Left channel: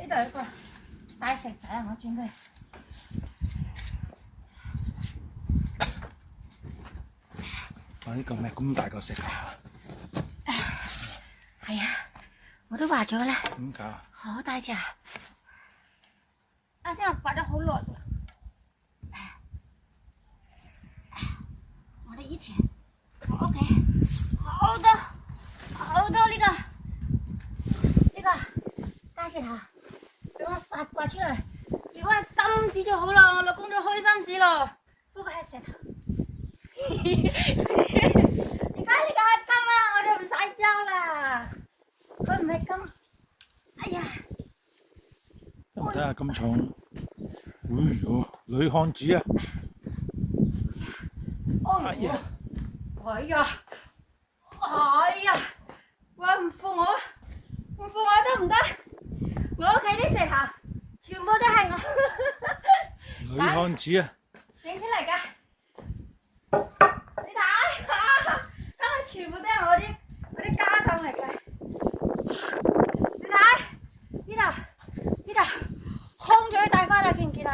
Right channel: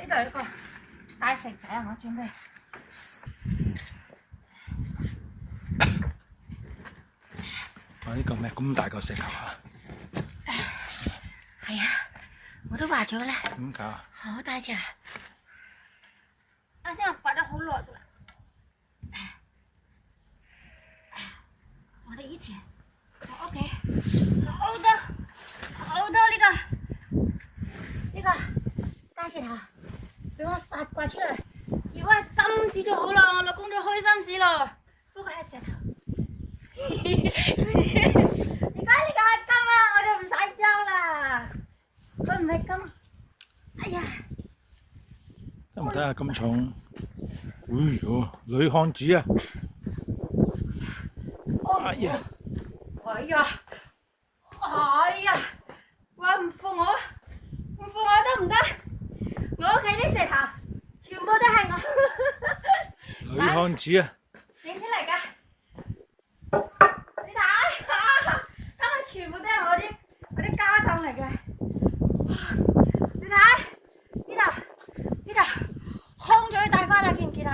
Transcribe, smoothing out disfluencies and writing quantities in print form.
呢度有個大石仔啊，我準備。哇！呢個咩咁大個石頭啊？係啊，我都話咗啦。點搞啊？好大隻。啱先我掘咗好耐㗎啦。我哋以前我屋企好多呢個大石頭，俾我掘出嚟。如果係金子就好啦，我老公都開心死咯。不過係石頭。而家呢個係金啊，我哋唔使爭啦。佢唔係金。哎呀！都唔睇下咁重。哎呦，女漢子啊！哎呀！哎呀！哎呀！話唔服我得唔得？我屋企啲石頭全部都係我。女漢子啊！影出嚟㗎。你睇，今日全部都係我啲家當嚟嘅。你睇呢度，空咗帶翻嚟見唔見啊？